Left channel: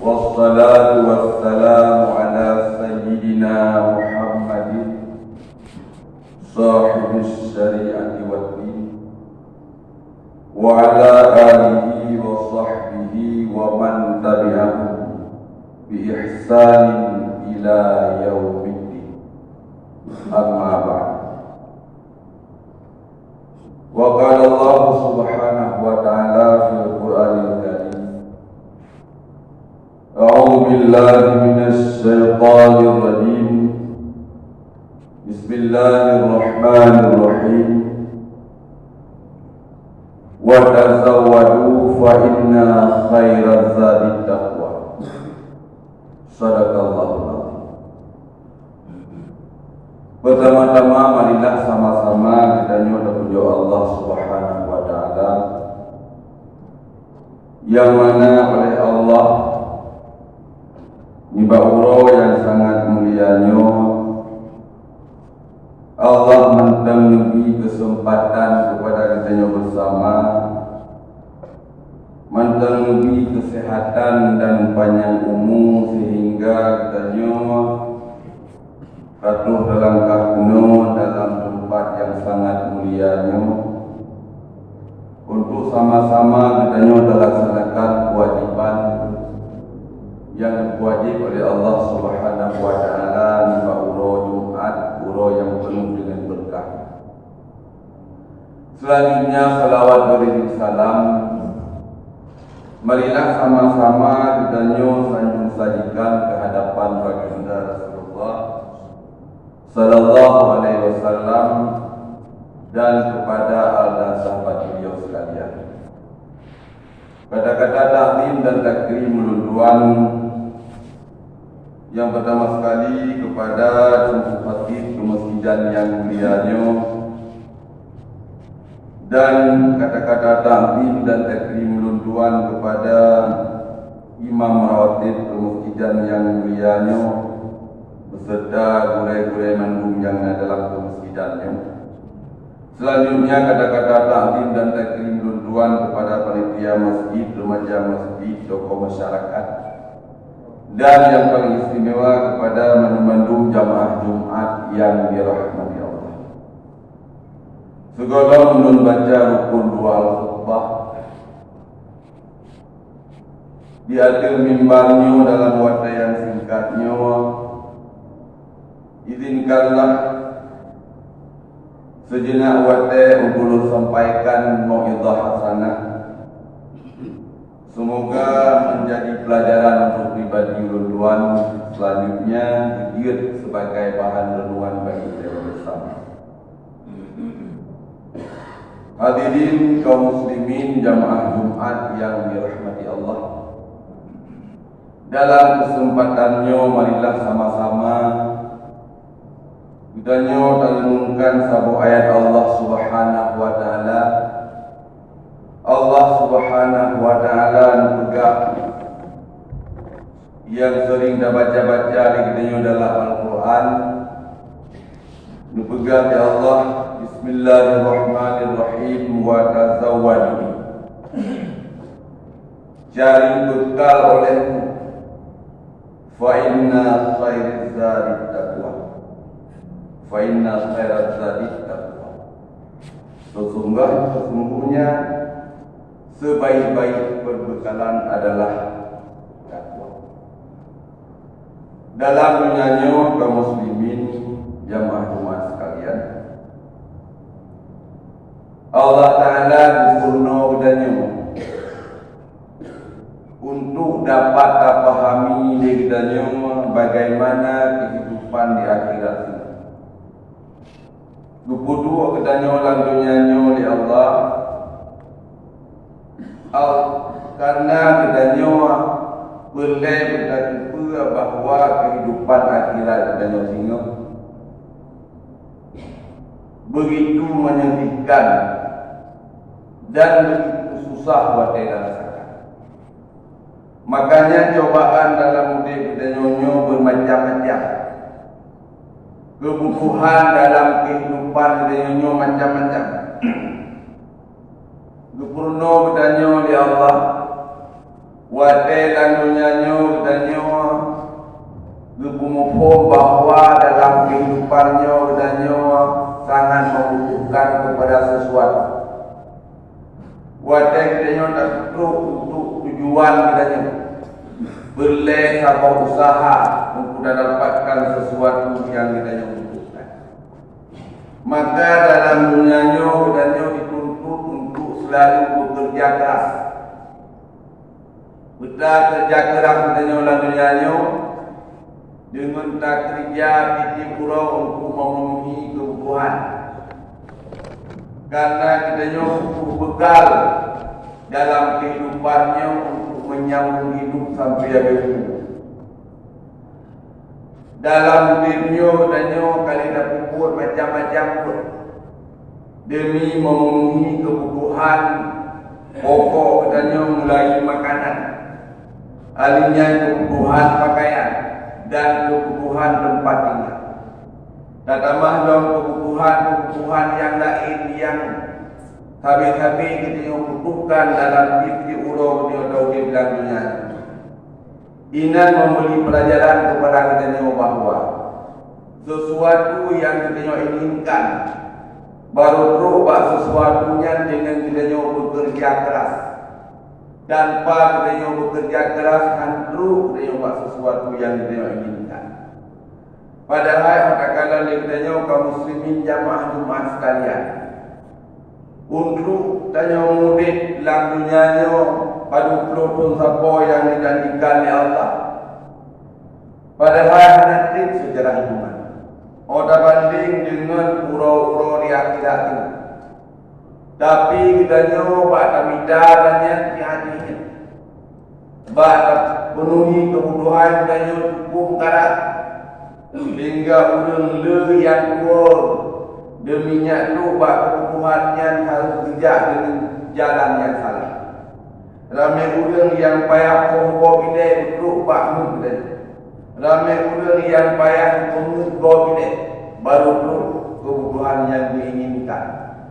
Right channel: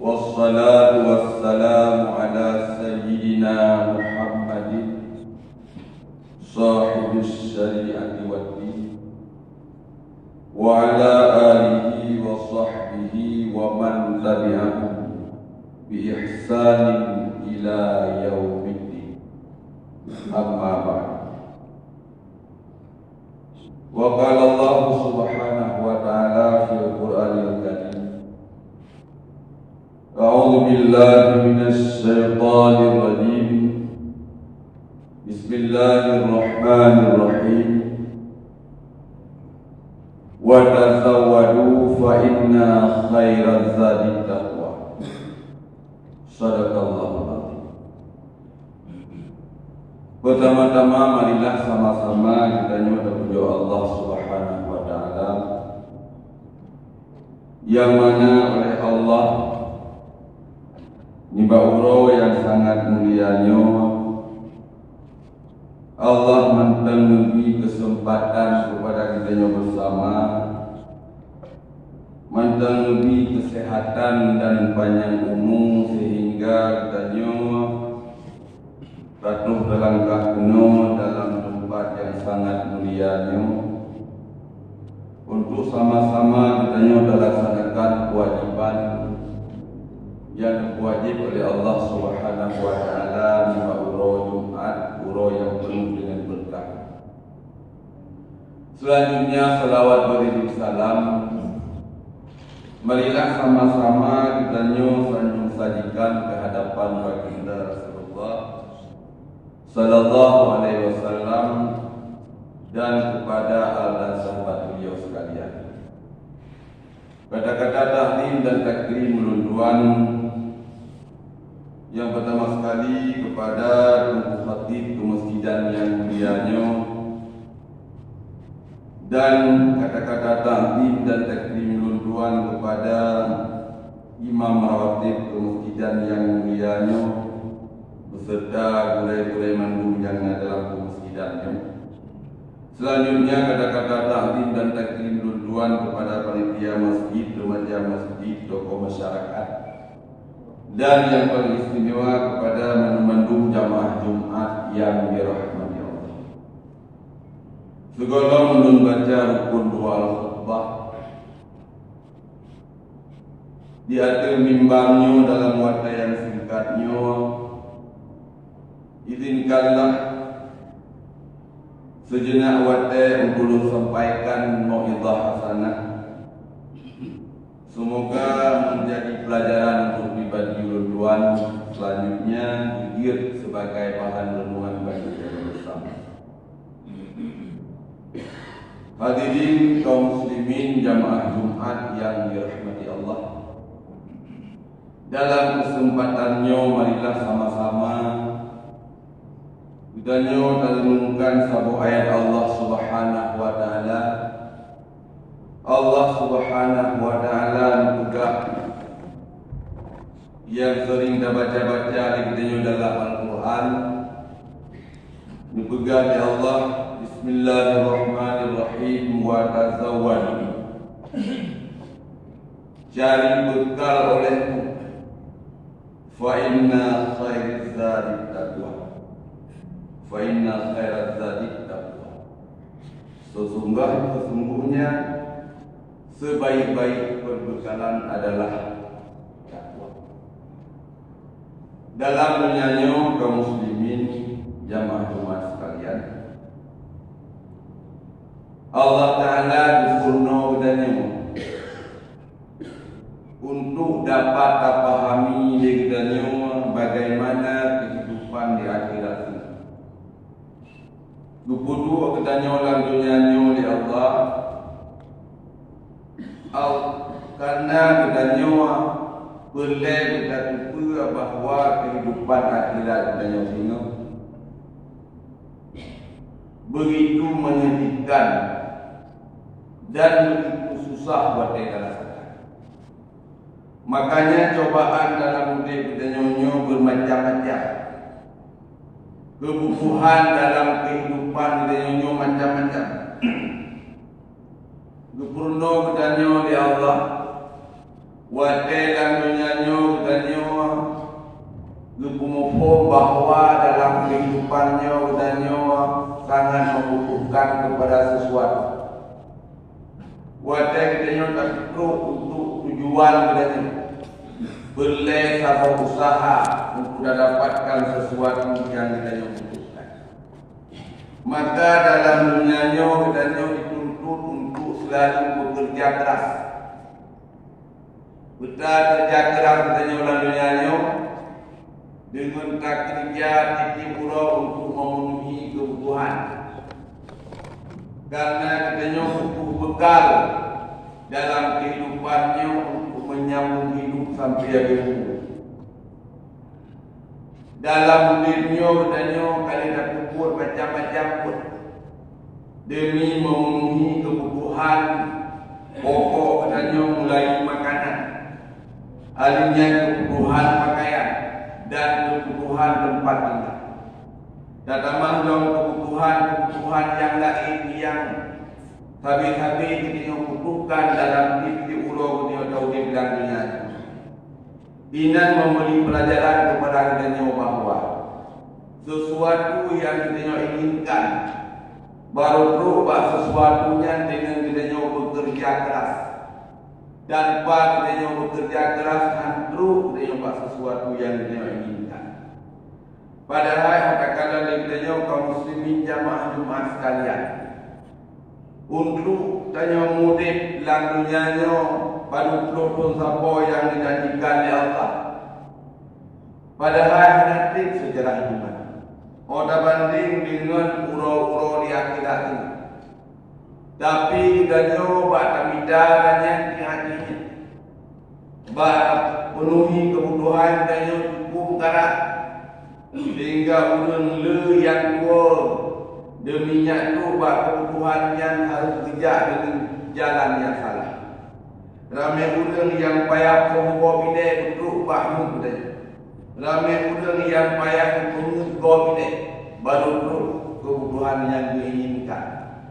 Wassalatu wassalamu ala sayyidina Muhammadin sahibis syari'ati wad-din wa ala alihi wa sahbihi wa man tabi'ahum bi ihsanin ila yaumiddin. Amma ba'd. Wa qala Allah subhanahu wa ta'ala fil Qur'anil Karim, A'udzu billahi minasy syaithanir rajim. Bismillahirrahmanirrahim. Wa tazawwadu fa inna khairaz zadi taqwa. Shadaqallahul azim. Pertama-tama marilah sama-sama kita memuji Allah Subhanahu wa taala yang mana oleh Allah nibauro yang sangat mulianya Allah memberi kesempatan kepada kita bersama, memberi kesehatan dan panjang umur sehingga kita patuh dalam kakno dalam tempat yang sangat mulianya untuk sama-sama kita melaksanakan kewajiban yang wajib oleh Allah Subhanahu wa taala di uro Jumat, uro yang penuh dengan berkah. Selanjutnya salawat beriring salam. Marilah sama-sama kita sajikan ke hadapan baginda Rasulullah sallallahu alaihi wasallam dan kepada al dan sahabat beliau sekalian. Kata-kata taklim dan takrim ulun yang pertama sekali kepada Tuan Khatib Kemasjidan yang mulianya, dan kata-kata taklim dan takrim ulun kepada Imam Rawatib Kemasjidan yang mulianya beserta gulai-gulai mandum yang ada dalam kemasjidannya. Selanjutnya kata-kata taklim dan takrim ulun kepada panitia masjid, remaja masjid, tokoh masyarakat, dan yang paling istimewa kepada mandum jamaah Jumat yang dirahmati Allah. Segala menun baca rukun dua al-khutbah di akhir mimbarnya dalam waktu yang singkatnya, izinkanlah sejenak waktu untuk sampaikan mau'izah hasanah. Semoga menjadi pelajaran untuk pribadi ulun selanjutnya didiet sebagai bahan renungan bagi kita bersama. Hadirin kaum muslimin jamaah Jumat yang dirahmati Allah. Dalam kesempatannya marilah sama-sama kita renungkan sebuah ayat Allah Subhanahu wa taala. Allah Subhanahu wa taala juga yang sering kita baca-baca di dalam Al-Quran. Dipegang ya Allah, Bismillahirrahmanirrahim, wa tazawwadu. Cari bekal olehmu, fa inna khairaz zadi taqwa. Fa inna khairaz zadi taqwa. Sesungguhnya sebaik-baik perbekalan adalah takwa. Dalam menyanyi kaum muslimin jamaah Jumat sekalian, Allah Ta'ala berfirman kepadanya untuk dapat dipahami kepadanya bagaimana kehidupan di akhirat ini. Keputuh kepadanya ulang dunianya oleh Allah, karena kita nyawa boleh kita tumpah bahawa kehidupan akhirat kita nyawa begitu menyedihkan dan begitu susah buat kita rasakan. Makanya cobaan dalam hidup kita nyawa bermacam-macam. Kebutuhan dalam kehidupan kita nyawa macam-macam. Gupurno bertanya oleh Allah, wa telan nyanyo mengumum bahawa dalam kehidupannya katanya sangat membutuhkan kepada sesuatu. Wadah katanya tak perlu untuk tujuan katanya boleh sama usaha untuk dapatkan sesuatu yang katanya butuhkan. Maka dalam dunianya katanya dituntut untuk selalu bekerja keras. Betul kerja keras katanya dalam dunianya dengan tak kerja titip urang untuk memenuhi kebutuhan. Karena katanya butuh bekal dalam kehidupannya untuk menyambung hidup sampai akhir hayat. Dalam dunia katanya kali dah pupur macam-macam pun demi memenuhi kebutuhan pokok katanya mulai makanan, alimnya kebutuhan pakaian dan kebutuhan tempat tinggal. Tamah dalam kebutuhan yang lain yang habis-habis kita butuhkan dalam diri ulo kita tahu di dalam dunia. Inan memberi pelajaran kepada kita bahawa sesuatu yang kita inginkan baru berubah sesuatunya dengan kita bekerja keras. Tanpa kita bekerja keras andru kita buat sesuatu yang kita inginkan. Padahal katakanlah kita kaum muslimin jamaah Jumaat sekalian, untuk tanya murid dalam dunianya pada pun siapa yang dijanjikan oleh Allah. Padahal nanti sejarah iman. Oda banding dengan urau-urau di akhirat ini. Tapi kita nyoba tamidanya hati-hati. Bahawa penuhi kebutuhan kita cukup karat. Sehingga orang le yang tua deminya tu buat kebutuhan yang harus kerja dengan jalan yang salah. Ramai orang yang payah pembawa bidai untuk bangun bidai. Ramai orang yang payah pembawa bidai baru perlu kebutuhan yang diinginkan.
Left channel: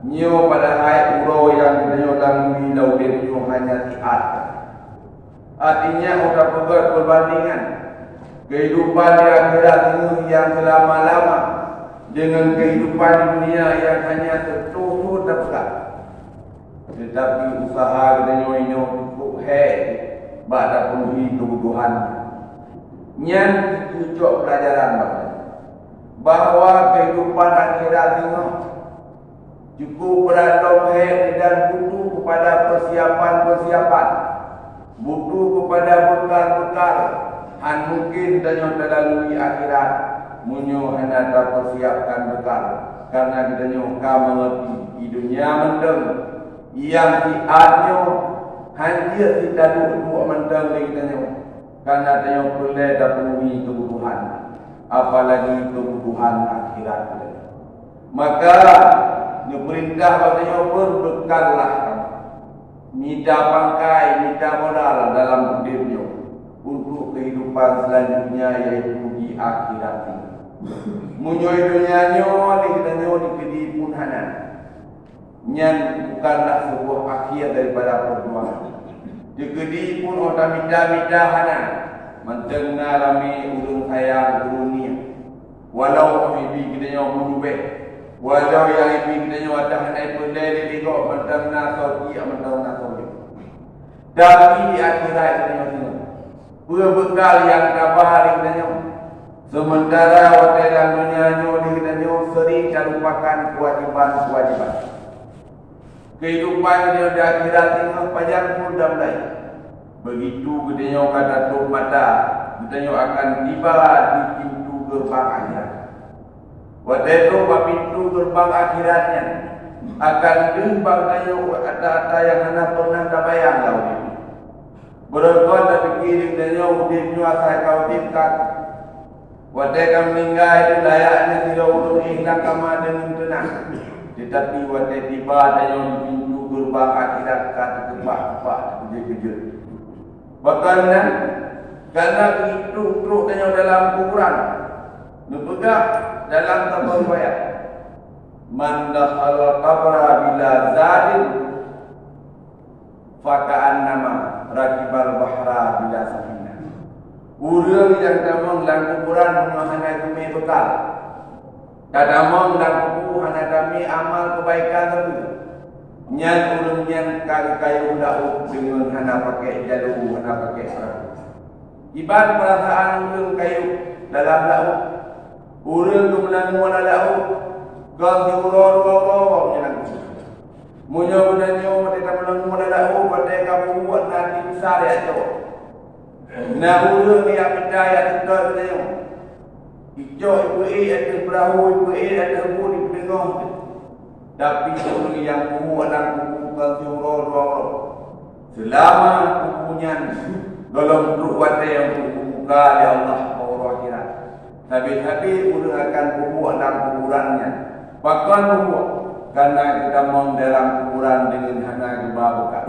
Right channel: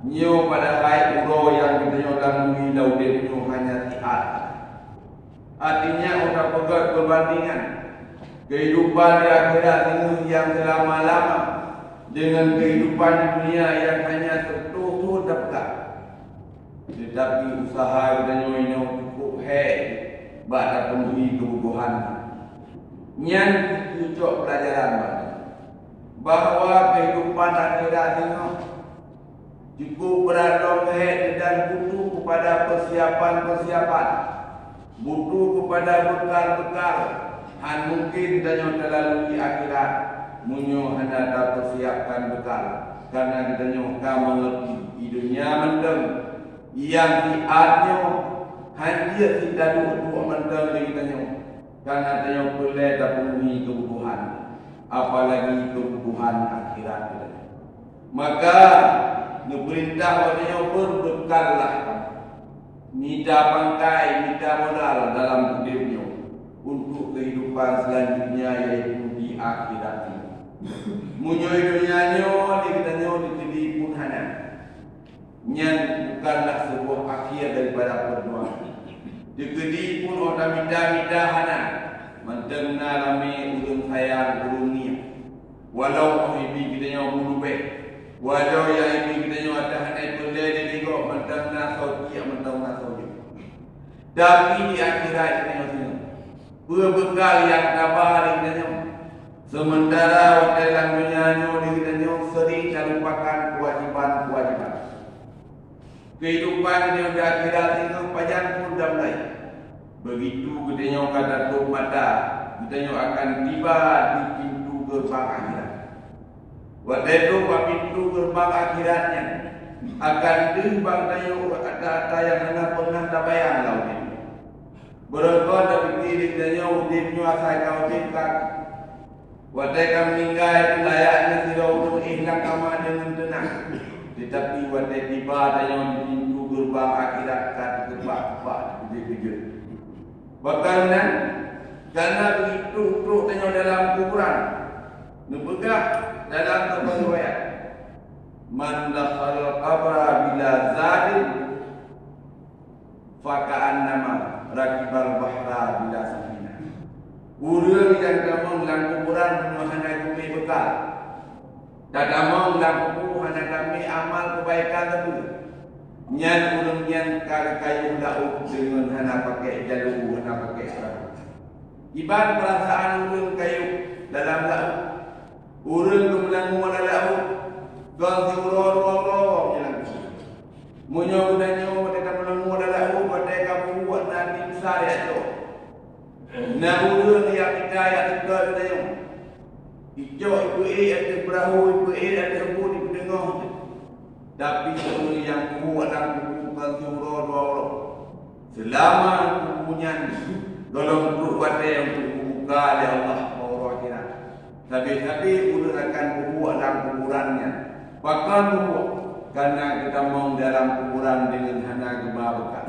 Nyo pada hai uro yang kita dalam bilau dia hanya tiat. Artinya orang buat perbandingan kehidupan di akhirat ini yang selama-lama dengan kehidupan dunia yang hanya tertutup dapat. Tetapi usaha kita nyonya cukup pada penuhi kebutuhan. Yang cucuk pelajaran bahawa kehidupan akhirat ini cukup berandong dan butuh kepada persiapan-persiapan, butuh kepada bekal-bekal. Mungkin tanya terlalu di akhirat munyo hendak persiapkan bekal karena kita nyoka mengerti di dunia mendeng yang diadnya hanya tidak dua mendeng kita nyoka karena tanya boleh penuhi kebutuhan apalagi kebutuhan akhirat kita. Maka diperintah katanya pun bekallah minta pangkai, minta modal dalam hidupnya untuk kehidupan selanjutnya yaitu di akhirat ini. Munyoy dunianya dikitanya dikedi pun hana. Nyan bukanlah sebuah akhir daripada perjuangan. Dikedi pun orang minta hana. Mendengar rame urung sayang dunia. Walau ibi kitanya berubah. Walau yang ibi kitanya ada hanai pelai dia kok mendengar sauti mendengar sauti. Tapi di akhirat kitanya berbekal yang kabar ditanya. Sementara dalam dunia ditanya sering lupakan kewajiban-kewajiban. Kehidupan dia di akhirat ini panjang pun dah mulai. Begitu gedenya kata tuh mata, ditanya akan tiba di pintu gerbang akhirat. Waktu itu pintu gerbang akhiratnya akan timbang ada yang hendak pernah tak bayang lalu ini. Berkata dah fikir dia udipnya asal kau tipkan. Wadai kau meninggal itu layaknya tidak ulung hilang kama dengan tenang. Tetapi wadai tiba dia di pintu gerbang akhirat kata terbak-terbak kerja-kerja. Bahkan karena itu teruk dia dalam kuburan. Nepegah dalam tabur riwayat. Man dakhala qabra bila zalim faka'an nama rakibal bahra bila safinah. Urang yang damang lang kuburan mengahanai kami bekal. Kadamang lang kubu hana kami amal kebaikan tu. Nyan urang nyan kayu lauk dengan hana pakai jalu, hana pakai perahu. Iban perasaan urang kayu dalam lauk. Urang tu melangu dalam lauk. Gang urang menyelang. Munyo danyo mereka melangu dalam lauk pada kamu buat nanti besar ya tu. Nah urang yang percaya tidak danyo. Ijo ibu ada perahu, ibu ada bun di tengah. Tapi orang yang kuat dalam kubukan surau selama kubunya dalam ruwat yang kubuka oleh Allah orang akhirat. Tapi udah akan kubuat dalam kuburannya. Bahkan kubuat karena kita mau dalam kuburan dengan hana kebawakan.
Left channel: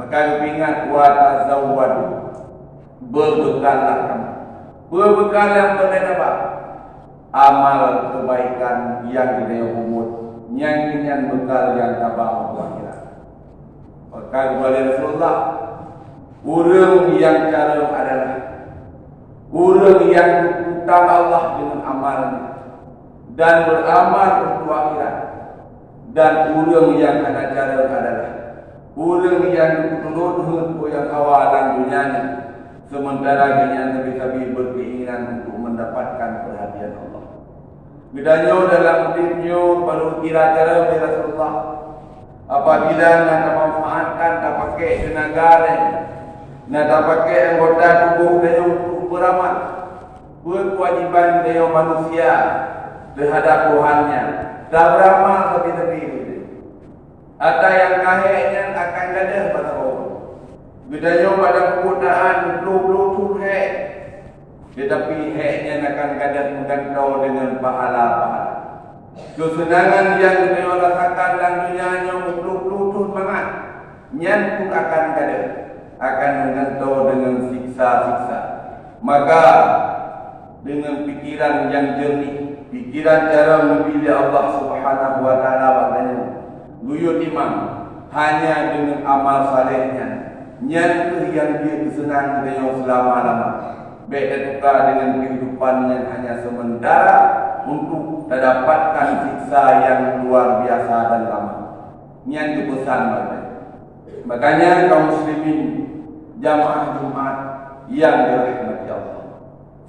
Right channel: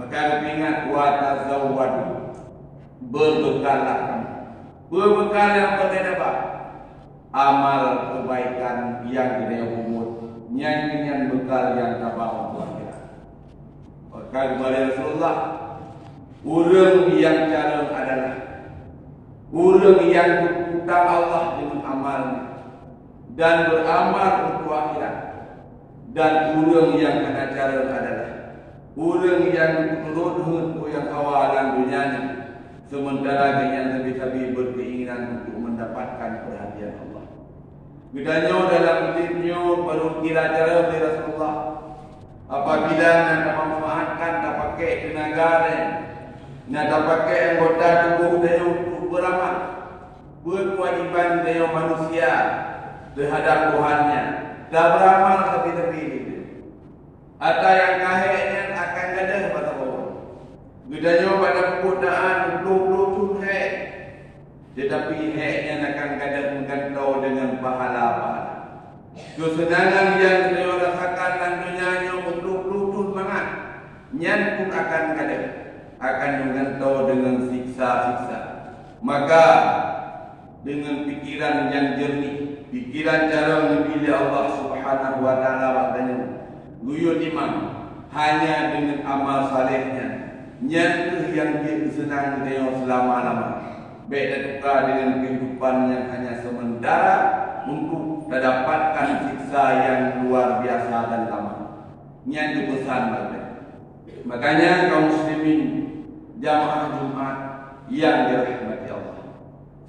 Maka ingat wa tazawwadu, berbekallah kamu. Berbekal yang berdapat amal kebaikan yang kita umur, nyanyian bekal yang tabah untuk akhirat. Maka kepada Rasulullah, urang yang cara adalah urang yang berhutang Allah dengan amalnya dan beramal untuk akhirat. Dan urang yang ada cara adalah urang yang menurut yang awalan dunianya, sementara yang lebih berkeinginan untuk mendapatkan perhatian Allah. Bedanya dalam hidupnya baru kira cara dari Rasulullah. Apabila nak memanfaatkan tak pakai tenaga nak tak pakai anggota tubuh dia untuk beramal, berkewajiban dia manusia terhadap Tuhannya. Tak beramal tapi ini. Ada yang kaheknya akan gadah pada orang. Bedanya pada penggunaan belum hek. Tetapi heknya akan kadang menggantau dengan pahala-pahala. Kesenangan yang dia rasakan dalam dunianya untuk mangat, nyan pun akan kadang akan menggantau dengan siksa-siksa. Maka dengan pikiran yang jernih, pikiran cara memilih Allah Subhanahu Wa Taala katanya, guyur imam hanya dengan amal salehnya, nyan tu yang dia kesenangan dia selama-lamanya. Baik dan tukar dengan kehidupan yang hanya sementara untuk mendapatkan siksa yang luar biasa dan lama. Ini yang dipesan makanya kaum muslimin jamaah Jumat yang dirahmati Allah.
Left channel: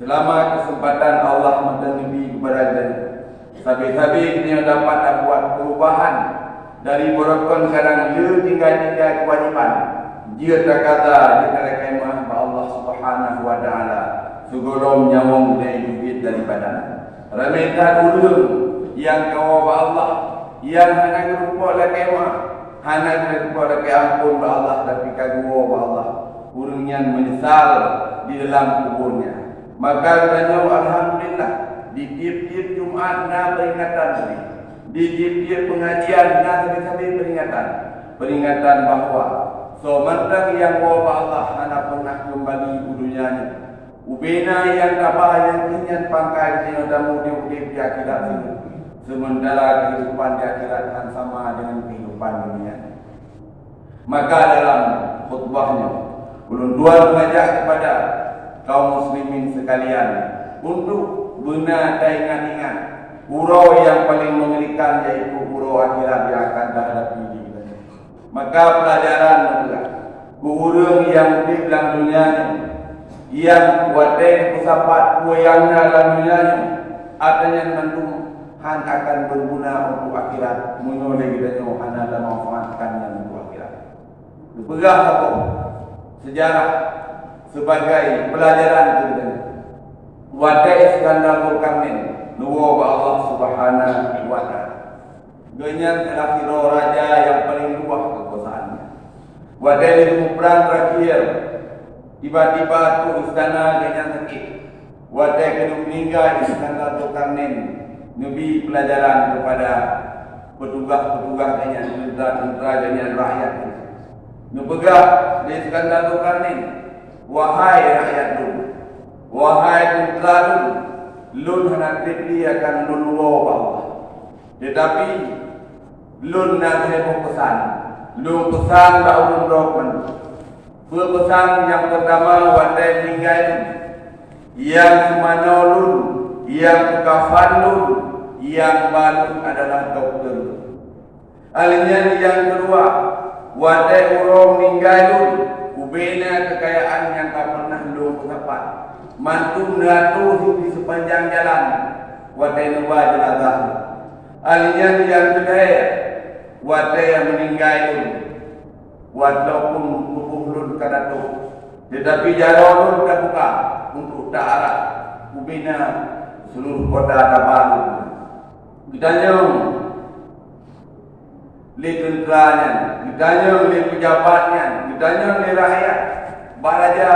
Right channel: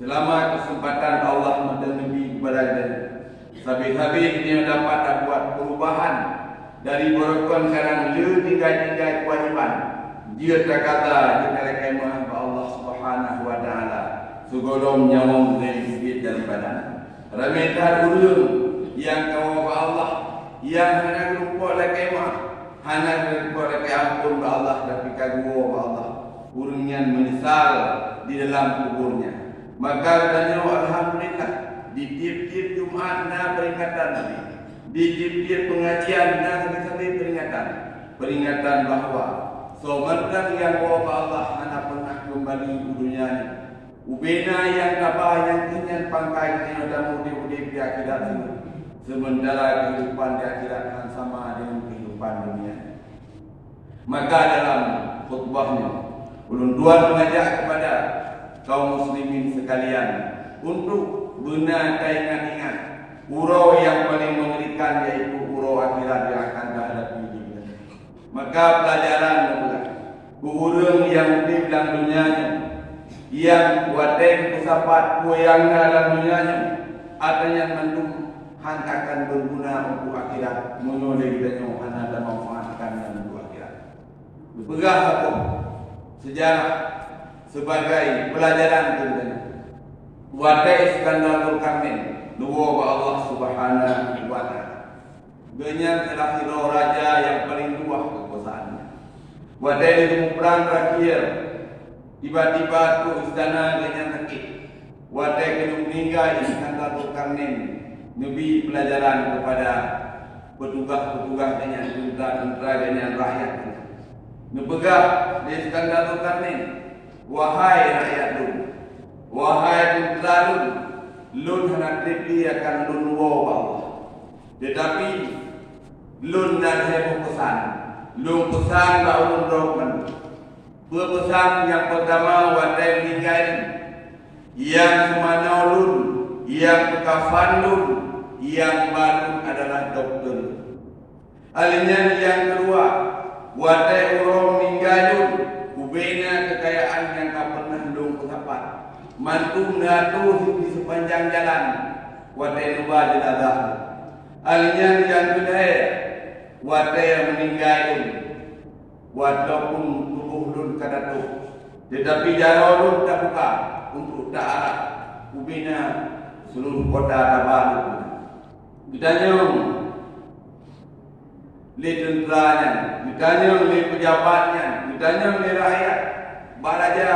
Selama kesempatan Allah mendengi kepada kita, sabi-sabi dia dapat buat perubahan dari berokon sekarang dia tinggal kewajiban. Dia terkata dengan kemah Allah Subhanahu Wa Taala segolong nyawang dari duit daripada ramaikan urang yang kau Allah yang hanya rupa lagi kemah hanya rupa lagi ampun ba Allah tapi kagua ba Allah urangnya menyesal di dalam kuburnya. Maka katanya alhamdulillah di tiap-tiap Jumat na peringatan ini, di tiap-tiap pengajian na sampai peringatan bahawa sementara yang bawa Allah anak pernah kembali ke dunia ini. Ubena yang tabah yang ingin pangkai yang damu di akhirat ini. Sementara kehidupan di akhirat akan sama dengan kehidupan dunia. Maka dalam khutbahnya, ulun dua mengajak kepada kaum muslimin sekalian untuk benar dan ingat-ingat urau yang paling mengerikan yaitu urau akhirat yang akan dihadapi di kita. Maka pelajaran adalah urang yang hidup dalam dunia yang wadai kusapat yang dalam dunia adanya mendung han akan berguna untuk akhirat menyoleh kita hanya dan memanfaatkan untuk akhirat. Berpegang hukum sejarah sebagai pelajaran kita. Wadai skandal Karmen nuwa Allah Subhanahu Wa Taala. Dengan kira-kira raja yang paling luas kekuasaannya. Wadai itu perang terakhir. Tiba-tiba tu istana dengan sakit. Wadai kena meninggal Iskandar Zulkarnain. Nabi pelajaran kepada petugas-petugas dengan tentara dengan rakyat. Nepegah di Iskandar Zulkarnain. Wahai rakyat dulu, wahai tentara dulu, lun hendak akan lun Allah. Tetapi lun nak pesan, lun pesan bahawa lun berpesan yang pertama wadai meninggal yang sumanolun, yang kafanun, yang balun adalah dokter. Alinyan yang kedua, wadai urong ninggalun, kubena kekayaan yang tak pernah dong pengapat. Mantum ngatu di sepanjang jalan, wadai nuba jenazah. Alinyan yang kedua, wadai yang meninggalun, walaupun tubuhlun kadatu, tetapi jarolun tak buka untuk darat, kubena seluruh kota Tabalu. Ditanyong li tenteranya, ditanyong li pejabatnya, ditanyong li rakyat, baraja,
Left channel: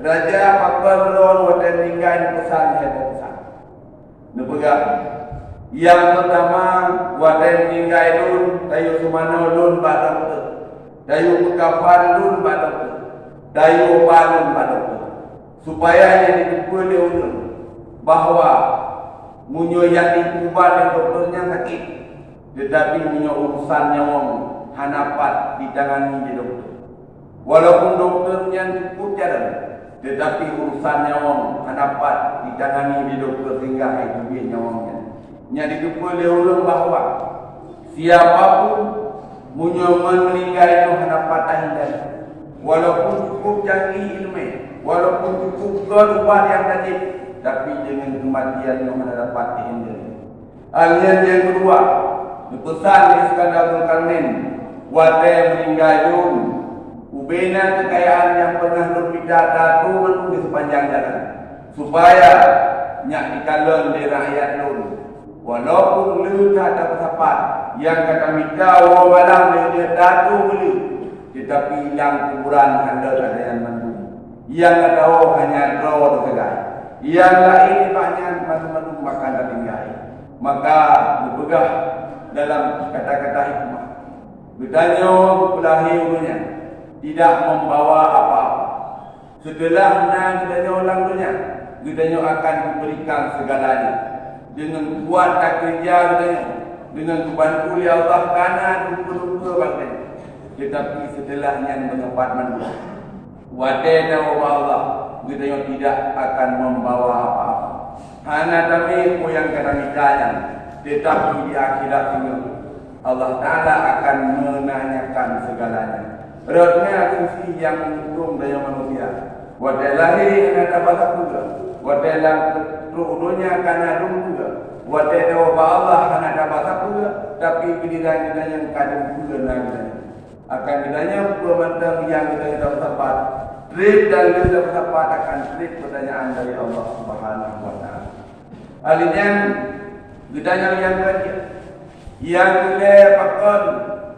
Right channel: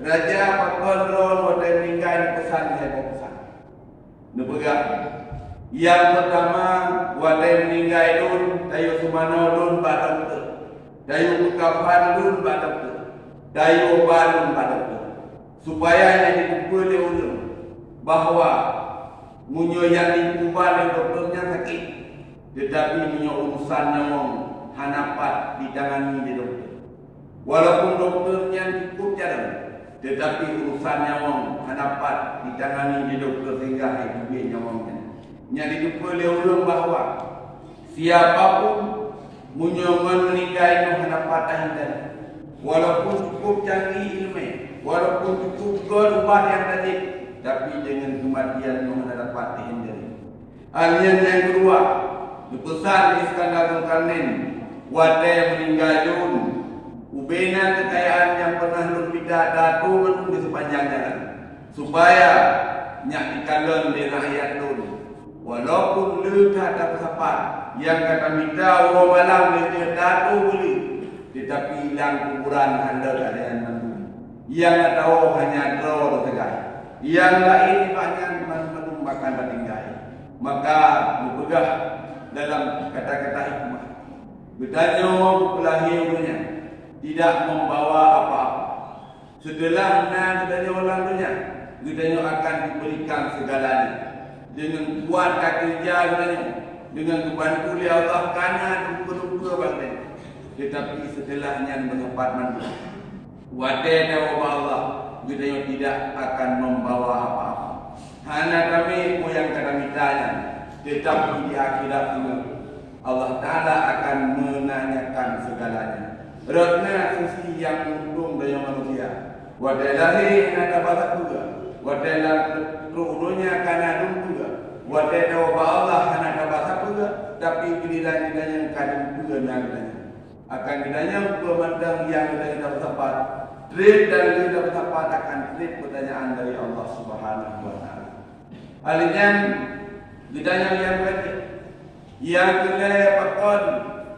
raja pakar lor wadah meninggal pesan dia pesan. Nepegang. Yang pertama wadah meninggal lun, tayu sumano lun badam tu, tayu kafan lun badam tu, tayu balun badam tu. Supaya yang dipukul dia ulun bahawa munyo yang dikubah dan dokternya sakit, tetapi munyo urusan nyawang hanapat ditangani di dokter. Walaupun dokternya cukup jalan, tetapi urusan nyawang hanapat ditangani di dokter sehingga hidup nyawangnya. Yang dipukul dia ulun bahawa siapapun munyo meninggal hanapat ahidan, walaupun cukup canggih ilmu, walaupun cukup keluar yang tajik, tapi dengan kematian yang mendapat dihindari. Alian yang kedua, dipesan Iskandar Zulkarnain, wadai meninggal yun, ubena kekayaan yang pernah berpindah datu di sepanjang jalan, supaya nyak dikalan di rakyat yun. Walaupun lu kata bersapat, yang kata minta orang malam dia datu beli, tetapi yang kuburan handal dengan mandu, yang tak tahu hanya draw segai. Yang lain banyak mandu makan dan tinggal. Maka berpegah dalam kata-kata hikmah. Bertanya kelahirannya tidak membawa apa-apa. Setelahnya bertanya orang dunia, bertanya akan diberikan segalanya. Dengan kuat kerja bertanya, dengan kebantu oleh Allah karena lupa-lupa bangkit. Tetapi setelahnya menyempat mandu. Wadai dan Allah bertanya tidak akan membawa apa-apa. Hanya kami yang kata mitanya, tetapi di akhirat ini Allah Ta'ala akan menanyakan segalanya. Rotnya sisi yang untung dari manusia. Wadai lahir ada bahasa juga, wadai lahir karena adung juga, wadai dawa Allah ada bahasa juga. Tapi bila yang kadang juga nanya akan ditanya pemandang yang kita dapat. Trik dan kita berdapat akan trik pertanyaan dari Allah Subhanahu wa Ta'ala. Alinya ditanya yang baik, yang boleh pakon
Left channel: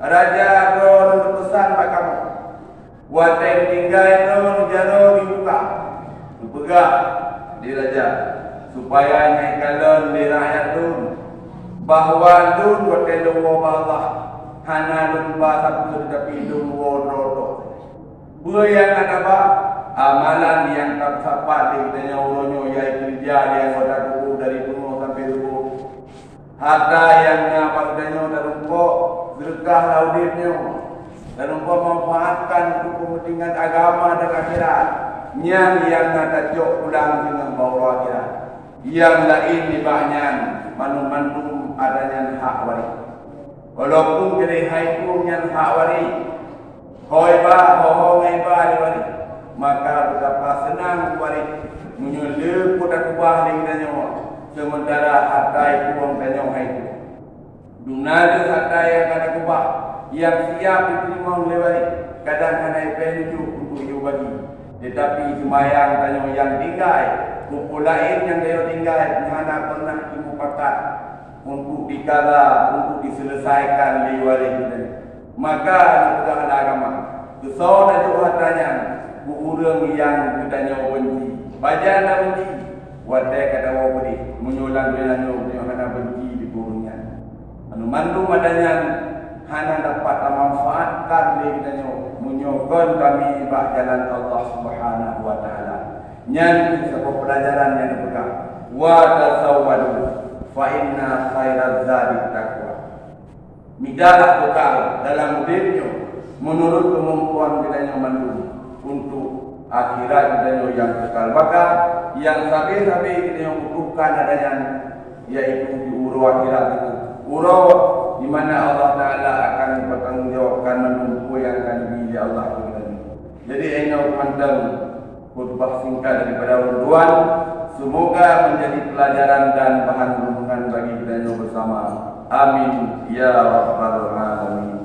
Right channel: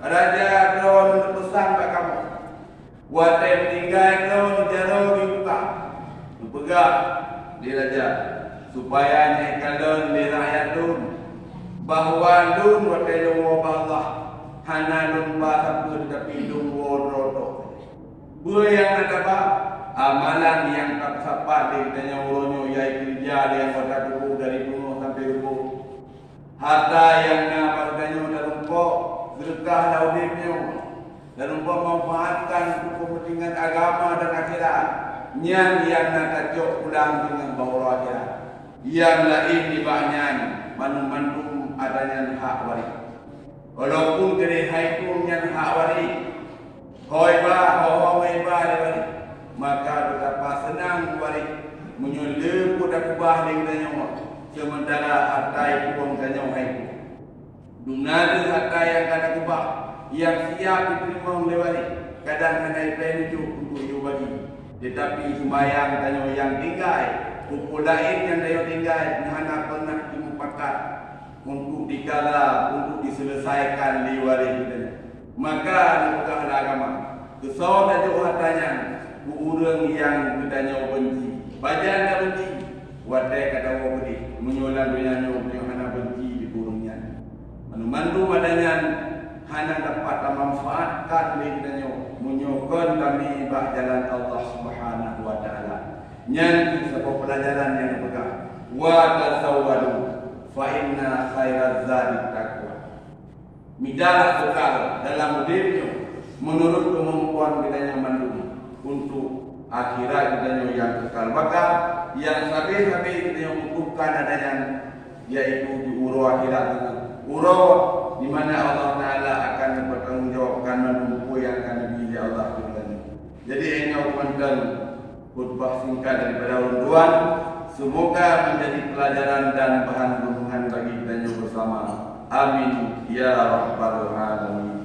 raja ron berpesan pada kamu, wadah meninggal ron jaro dibuka, berpegang di raja supaya nyaikan di rakyat ron bahawa ron wadah luar Allah hana ron bahasa tetapi luar rodo. Yang ada apa? Amalan yang tak sapa ditanya orangnya yai kerja yang wadah kubu dari rumah sampai rumah. Harta yang nak ditanya dari rumah sedekah laudipnya dan rumah manfaatkan untuk kepentingan agama dan akhirat. Yang nak jok pulang dengan bawa akhirat. Yang lain dibahnya manum adanya hak waris. Walaupun kira haikum yang hak waris. Hoi ba, hoi ba lewat, maka betapa senang balik menyulir kuda kubah dengan nyawa. Sementara harta itu bukan nyawa itu. Dunada harta yang kena kubah, yang siap diterima lewat. Kadang kena itu untuk you bagi. Tetapi semayang tanya yang tinggal, kumpul lain yang dia tinggal, hanya pernah dimupakat untuk dikala, untuk diselesaikan di waris itu. Maka bukan agama. Kesal dan hartanya orang yang bertanya benci. Baca nak benci. Wadai kata orang beri. Menyulang dengan hana benci di burungnya. Mandu adanya hana dapat memanfaatkan diri dan menyokong kami bak jalan Allah Subhanahu wa Ta'ala. Yang sebuah pelajaran yang dipegang. Wa tasawwadu fa inna khairaz zadi taqwa. Midalah bekal dalam dirinya menurut kemampuan kita yang mandung untuk akhirat kita yang kekal. Maka yang sabi-sabi kita yang bukan adanya, yaitu di urut akhirat, urut di mana Allah Taala akan bertanggungjawabkan menumpu yang akan dipilih Allah lagi. Jadi ini teman-teman khutbah singkat daripada urduan, semoga menjadi pelajaran dan bahan renungan bagi kita bersama. Amin ya rabbal alamin.